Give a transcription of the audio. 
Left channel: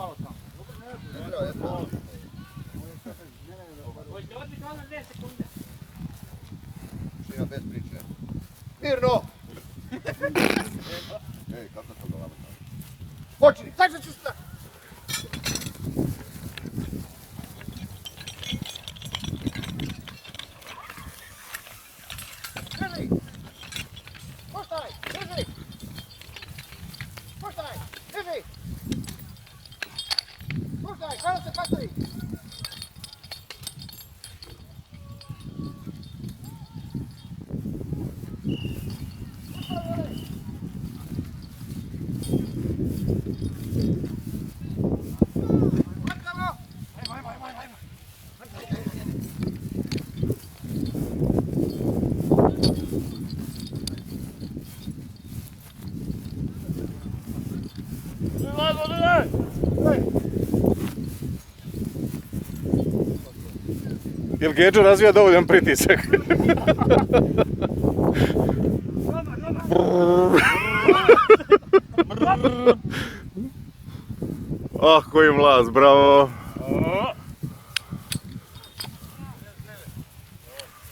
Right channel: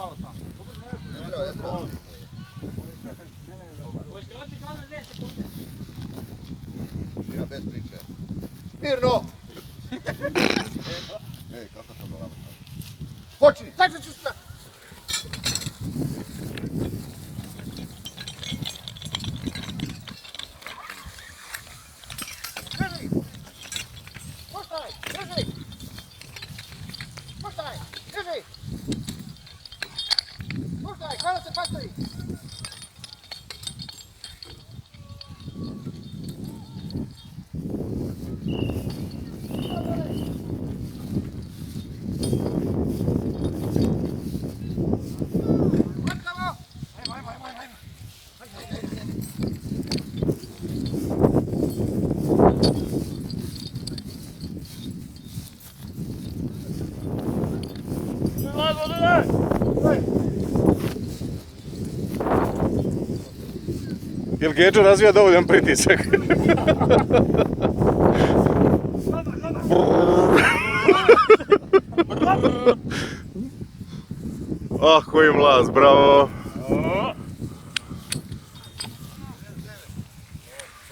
malo tamo. Hoćete odbiti ono 2 sekunde? Ja bez priče. Mirno! Ej, kako to dolazno? Počni, sad ću sve! Drži! Puštaj, drži! Puštaj, drži! Puštaj, kada se pastavi! Jel Gedžo razvija dovoljan pritisak? Ah, koji mlaz, bravo!